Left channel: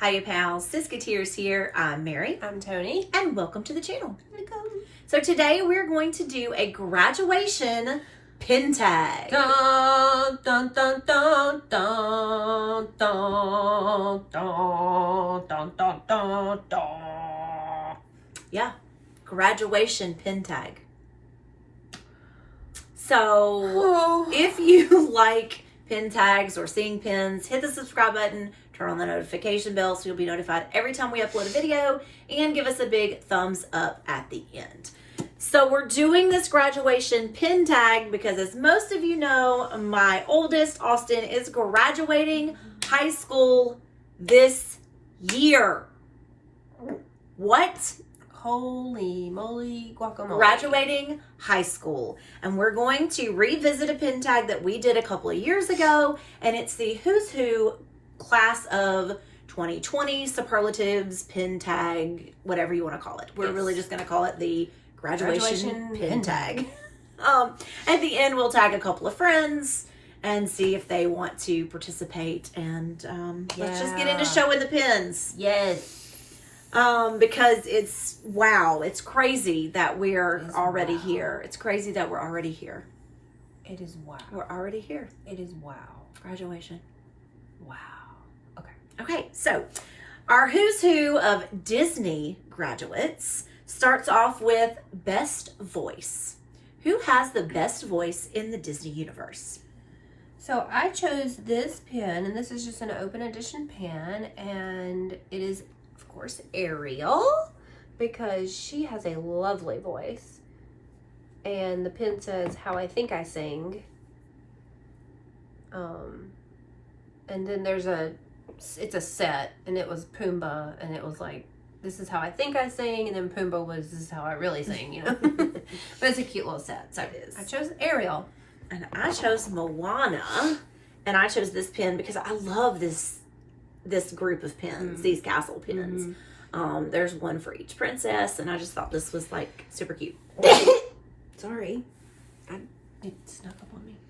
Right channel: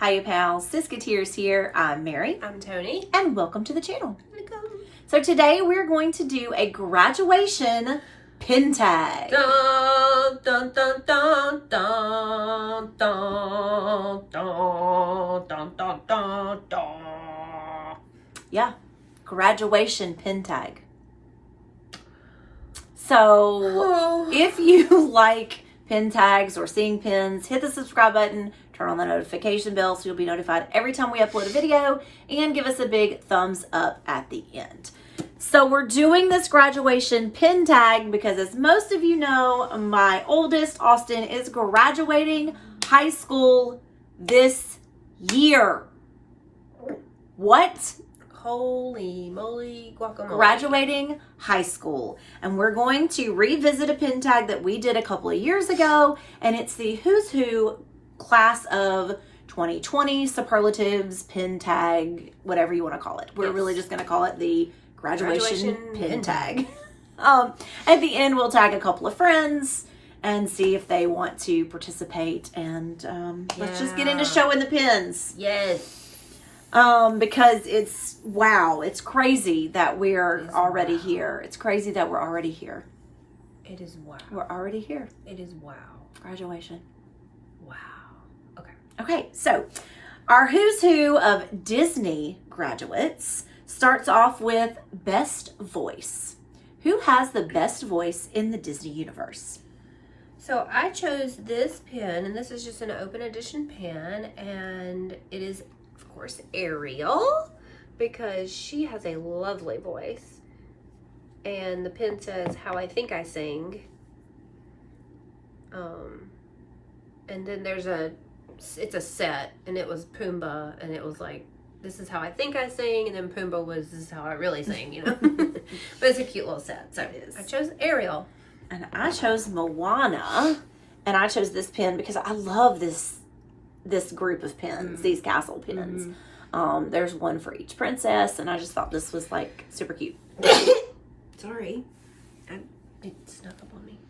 Hi, pals. Siskateers here. I'm Mary. I'm Tony. And welcome to the channel. Welcome. So today we're going to do a graduation pin tag. Dun, dun, dun, dun, dun, dun, dun, dun, dun, dun, dun. Yeah, graduation pin tag. So if you like pin tags or seeing pins, hit the subscribe button, turn on the notification bell so you'll be notified every time we upload a video, and give us a big thumbs up at the end. So we're doing this graduation pin tag because, as most of you know, my oldest, Austin, is graduating high school this year. What? Holy moly guacamole. Graduating high school. And we're going to revisit a pin tag that we did a couple of years ago, and it's the Who's Who class of 2020 superlatives pin tag, whatever you want to call it. We're really just going to call it the graduation pin tag. At the end, we'll tag a couple of friends and see if they want to participate, and let's just get into showing the pins. Yes. Because it's crazy that we're already here. It's crazy that we're already here. It is wow. We're already here. It is wow. Graduation. Wow. Okay. Okay, so our Who's Who of Disney graduates starts off with best voice. Who has the best voice in the Disney universe? So I chose this pen, and this is just an open edition pen, and it is, of course, Ariel, because she has a lovely voice. And the pen says, "How I Think I Sing." And then it's a set, and it was Pumbaa, and it was like, "This is how I think I sing," and then Pumbaa was, "This is how I really sing," you know. But it's a cute little set. So I chose Ariel. And I chose Moana, and I chose this pen because I love this group of pins, these castle pins. There's one for each princess, and I just thought this was like super cute. Sorry. It snuck up on me.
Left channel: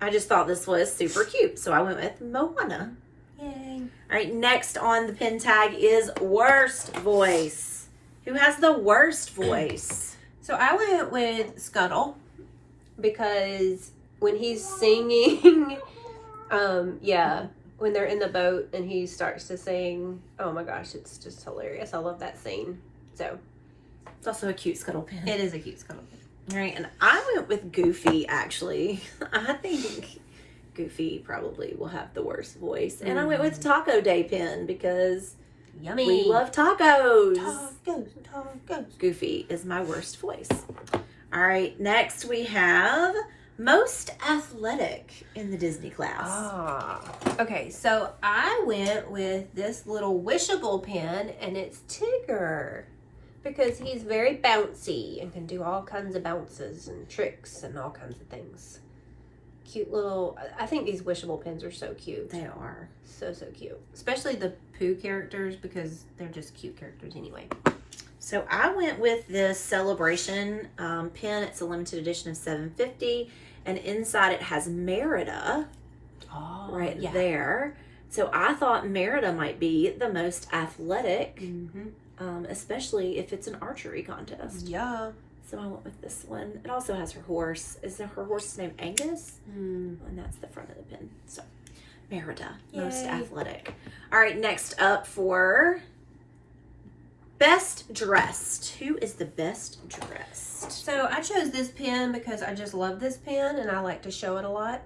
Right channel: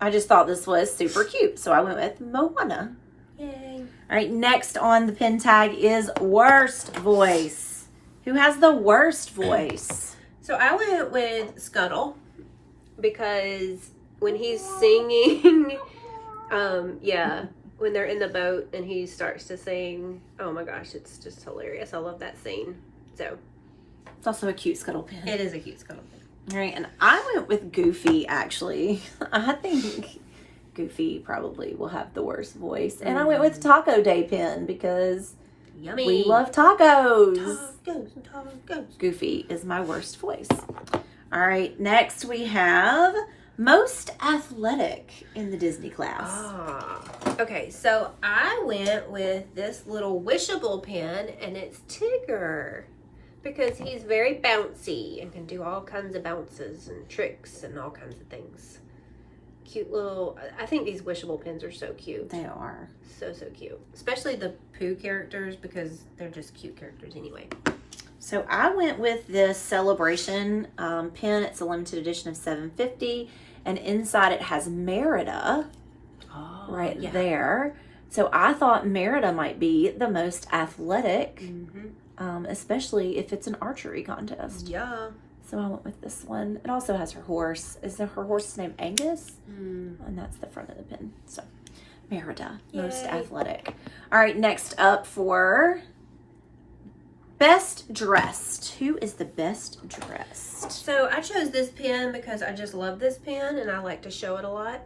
I just thought this was super cute, so I went with Moana. Yay. All right, next on the pin tag is worst voice. Who has the worst voice? So I went with Scuttle, because when he's singing, when they're in the boat and he starts to sing, oh my gosh, it's just hilarious. I love that scene. So It's also a cute Scuttle pin. it is a cute Scuttle pin. All right, and I went with Goofy, actually. I think Goofy probably will have the worst voice. And I went with Taco Day pin because Yummy. we love tacos. Tacos. Goofy is my worst voice. All right, next we have most athletic in the Disney class. Okay, so I went with this little wishable pen, and it's Tigger, because he's very bouncy and can do all kinds of bounces and tricks and all kinds of things. Cute little, I think these wishable pens are so cute. They are. So cute. Especially the Pooh characters, because they're just cute characters anyway. So I went with this Celebration pen. It's a limited edition of 750, and inside it has Merida there. So I thought Merida might be the most athletic, especially if it's an archery contest. Yeah. So I went with this one. It also has her horse. Is her horse's name Angus? And that's the front of the pin. So Merida, most athletic. All right, next up for best dressed. Who is the best dressed? So I chose this pen because I just love this pen and I like to show it a lot.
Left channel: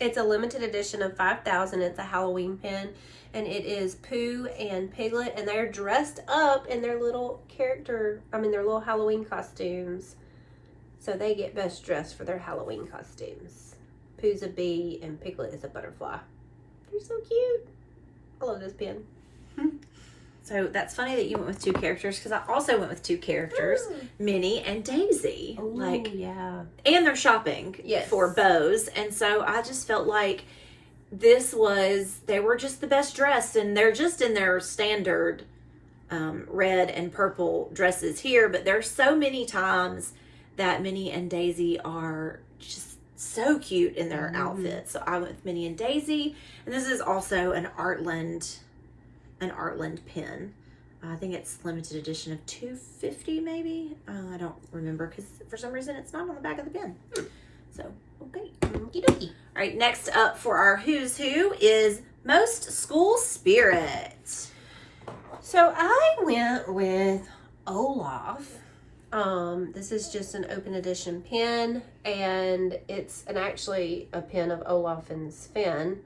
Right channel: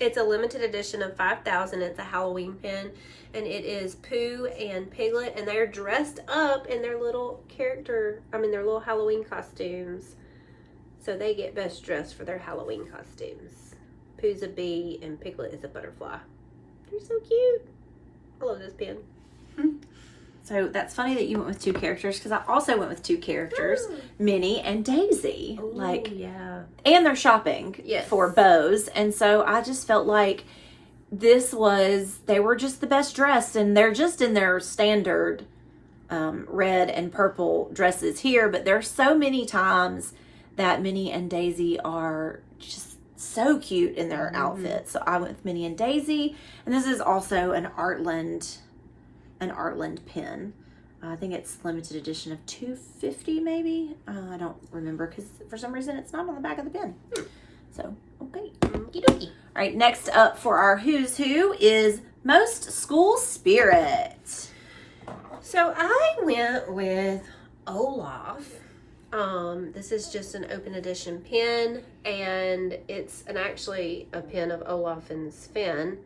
It's a limited edition of 5,000. It's a Halloween pen, and it is Pooh and Piglet, and they're dressed up in their little their little Halloween costumes. So they get best dressed for their Halloween costumes. Pooh's a bee and Piglet is a butterfly. They're so cute. I love this pen. So that's funny that you went with two characters, because I also went with two characters, Minnie and Daisy. And they're shopping for bows. And so I just felt like they were just the best dressed, and they're just in their standard red and purple dresses here. But there's so many times that Minnie and Daisy are just so cute in their outfits. So I went with Minnie and Daisy, and this is also an Artland pin. I think it's limited edition of 250 maybe. I don't remember because for some reason it's not on the back of the pin. So, okay. Okie dokie. All right, next up for our Who's Who is Most School Spirit. So I went with Olaf. This is just an open edition pin, and it's actually a pin of Olaf and Sven,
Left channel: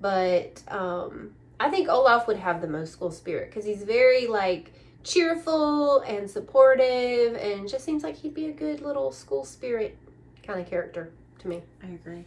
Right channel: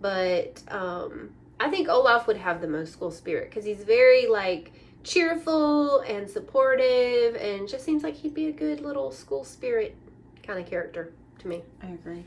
but I think Olaf would have the most school spirit because he's very like cheerful and supportive, and just seems like he'd be a good little school spirit kind of character to me. I agree.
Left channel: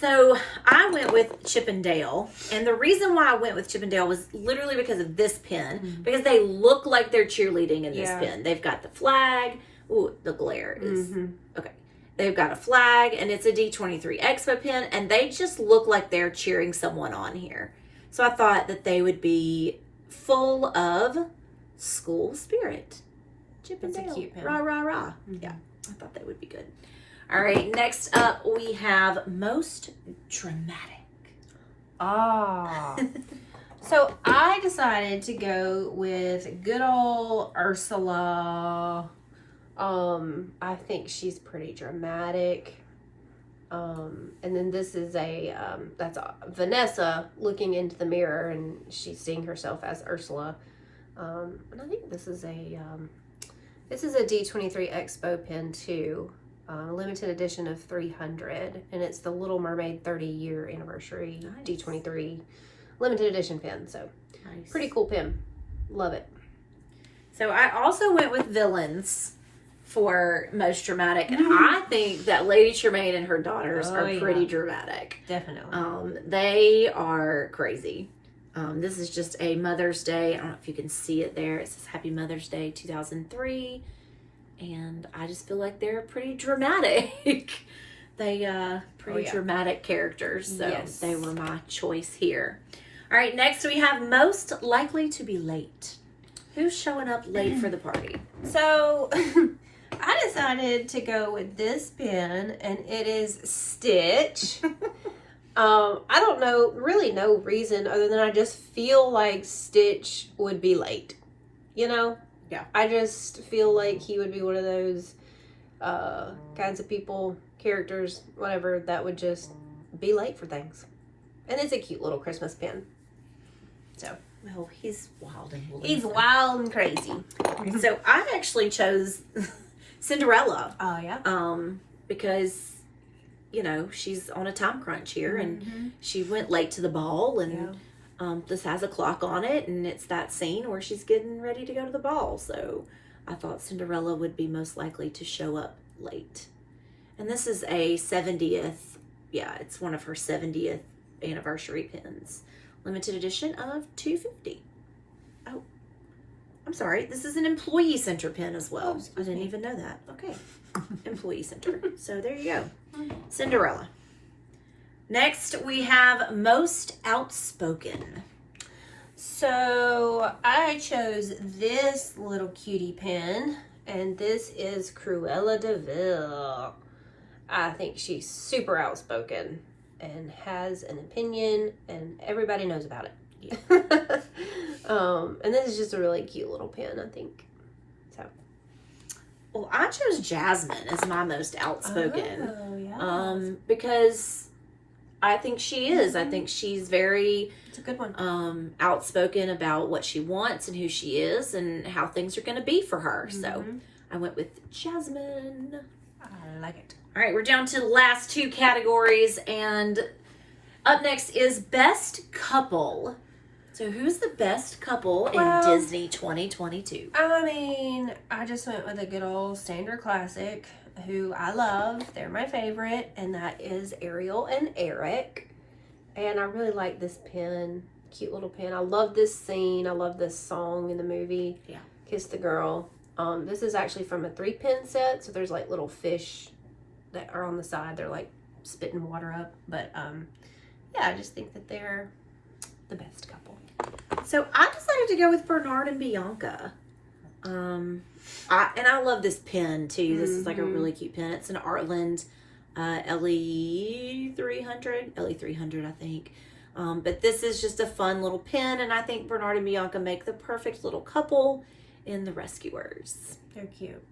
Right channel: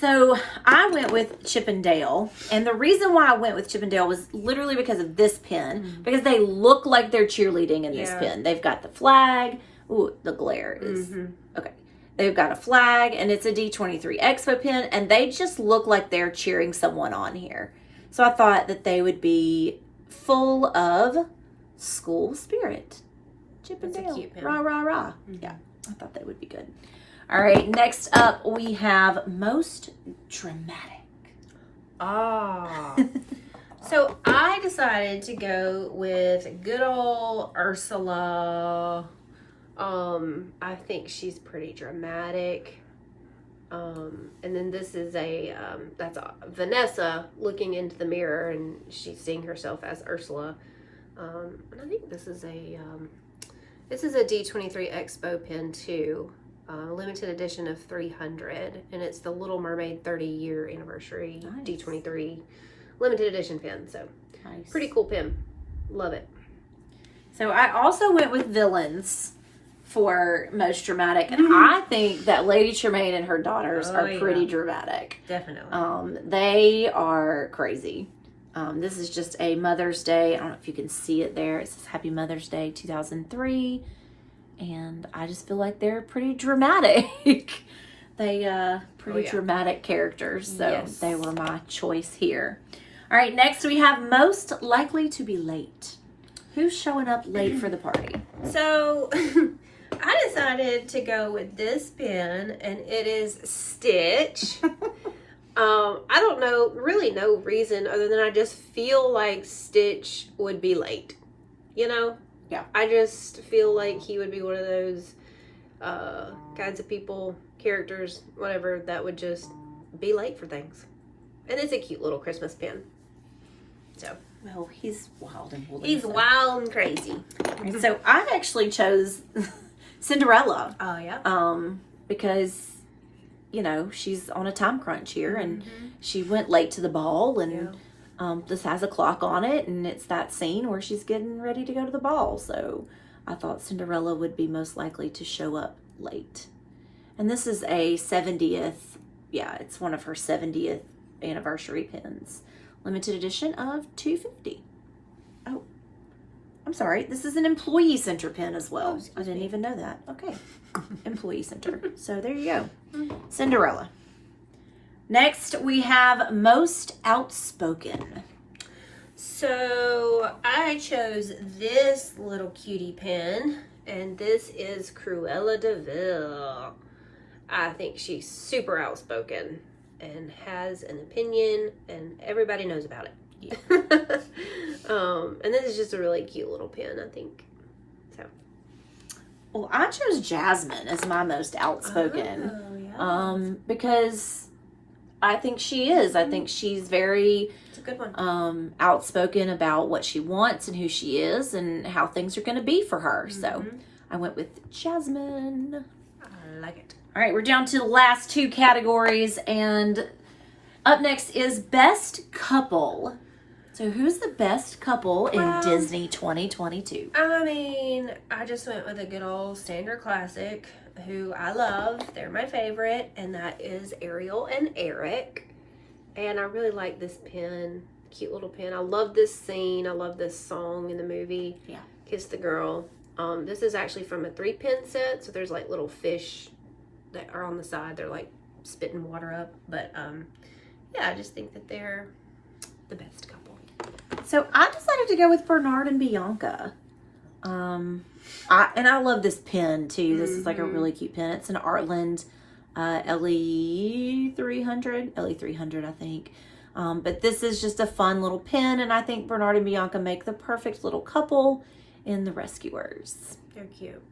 So I went with Chip and Dale, and the reason why I went with Chip and Dale was literally because of this pin, because they look like they're cheerleading in this pin. They've got the flag. Ooh, the glare is okay. They've got a flag, and it's a D23 Expo pin, and they just look like they're cheering someone on here. So I thought that they would be full of school spirit. Chip and Dale. A cute pin. Rah, rah, rah. Yeah, I thought that would be good. All right, next up we have most dramatic. So I decided to go with good old Ursula. I think she's pretty dramatic. And then this is that's Vanessa looking into the mirror, and she's seeing herself as Ursula. And I think this is a D23 Expo pin too. Limited edition of 300, and it's the Little Mermaid 30-year anniversary D23 limited edition pin. So pretty cool pin. Love it. So I also went with villains for most dramatic, and I think that Lady Tremaine and her daughters are pretty dramatic. Definitely. They are crazy. This is just a Mother's Day. I don't know if you can see it there. It says Happy Mother's Day 2003. And I just feel like they're pretty dramatic. Pretty dramatic characters. So they were my choice here. All right, next we have most likely to be late. Who's showing up late for the party? So I decided to go with this pin, and it is Stitch. I don't know, really no reason other than I just feel like Stitch would be late. You know? Yeah. I just feel like he would be one of those kinds of people, characters, whatever, that would just be late for things. And it's a cute little Christmas pin. So. Well, he's wild and woolly. He's wild and crazy. So I actually chose Cinderella. Oh, yeah? Because, you know, she's on a time crunch here, and she went late to the ball, and this has a clock on it, and it's that scene where she's getting ready to go to the ball. So I thought Cinderella would be most likely to show up late. And this is a 70th, it's one of her 70th anniversary pins. Limited edition of 250. Oh, I'm sorry. This is an employee center pin as well. I didn't even know that. Okay. Employee center. So there you go. Cinderella. Next, we have most outspoken. So I chose this little cutie pin, and this is Cruella de Vil. I think she's super outspoken and has an opinion, and everybody knows about it. Yeah. And this is just a really cute little pin, I think. So. Well, I chose Jasmine as my most outspoken. Oh, yeah. Because I think she is. I think she's very it's a good one. Outspoken about what she wants and who she is and how things are going to be for her. So I went with Jasmine. I like it. All right, we're down to the last two categories, and up next is Best Couple. So who's the best couple in Disney 2022? I mean, I just went with a good old standard classic who I love. They're my favorite, and that is Ariel and Eric. And I really like this pin. Cute little pin. I love this scene. I love this song in the movie. Yeah. Kiss the Girl. This is actually from a 3-pin set, so there's like little fish that are on the side. They're like spitting water up. But yeah, I just think that they're the best couple. So I decided to go with Bernard and Bianca. I love this pen too. This is like a really cute pen. It's an Artland LE300, I think. But this is just a fun little pen, and I think Bernard and Bianca make the perfect little couple in The Rescuers. They're cute.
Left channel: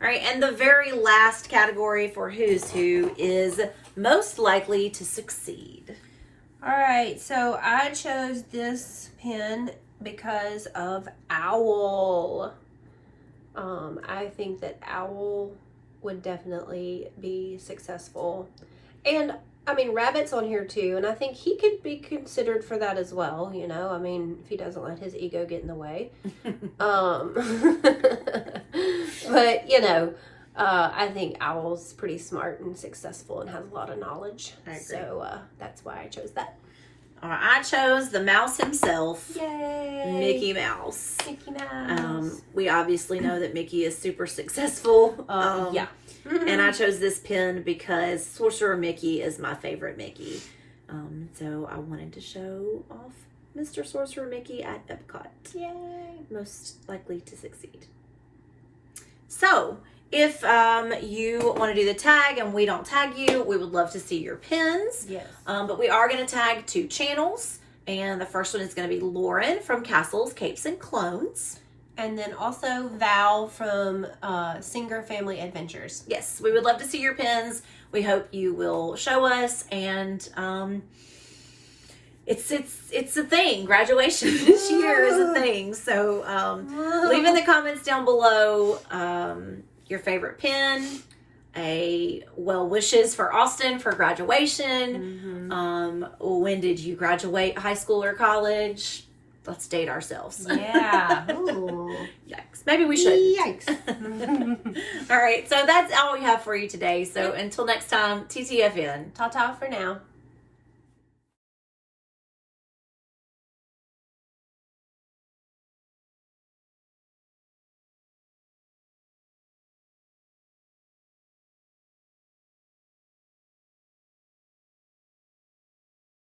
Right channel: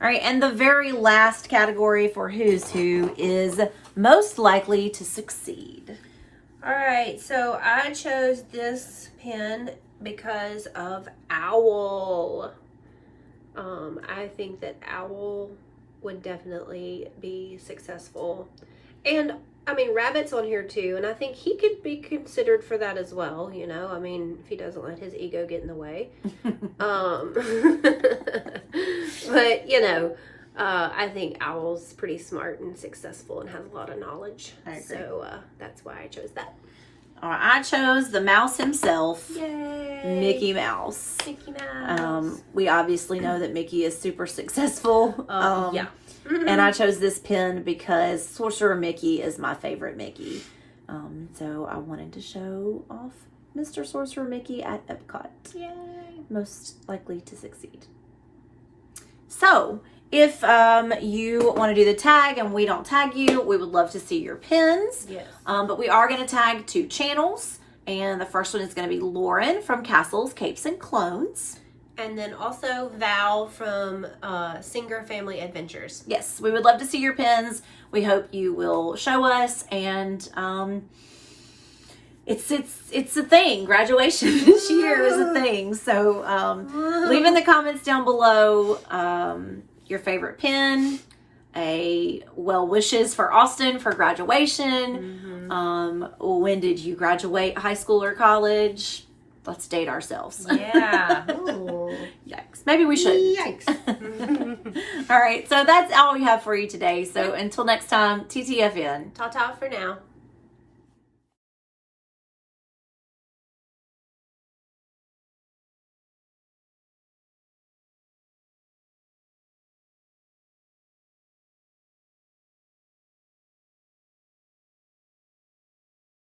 All right, and the very last category for Who's Who is most likely to succeed. All right, so I chose this pen because of Owl. I think that Owl would definitely be successful. And, I mean, Rabbit's on here too, and I think he could be considered for that as well, you know? I mean, if he doesn't let his ego get in the way. But, you know, I think Owl's pretty smart and successful and has a lot of knowledge. So that's why I chose that. I chose the mouse himself. Yay! Mickey Mouse. Mickey Mouse. We obviously know that Mickey is super successful. Yeah. And I chose this pen because Sorcerer Mickey is my favorite Mickey. So I wanted to show off Mr. Sorcerer Mickey at Epcot. Yay! Most likely to succeed. So, if you want to do the tag and we don't tag you, we would love to see your pins. Yes. But we are going to tag 2 channels. And the first one is going to be Lauren from Castles, Capes, and Clones. And then also Val from Singer Family Adventures. Yes, we would love to see your pins. We hope you will show us. And it's a thing. Graduation this year is a thing. So leave in the comments down below your favorite pin, a well wishes for Austin for graduation. When did you graduate high school or college? Let's date ourselves. Yeah. Ooh. Yikes. Maybe we should. Yikes. All right. So that's all we have for you today. So until next time, TTFN. Ta-ta for now.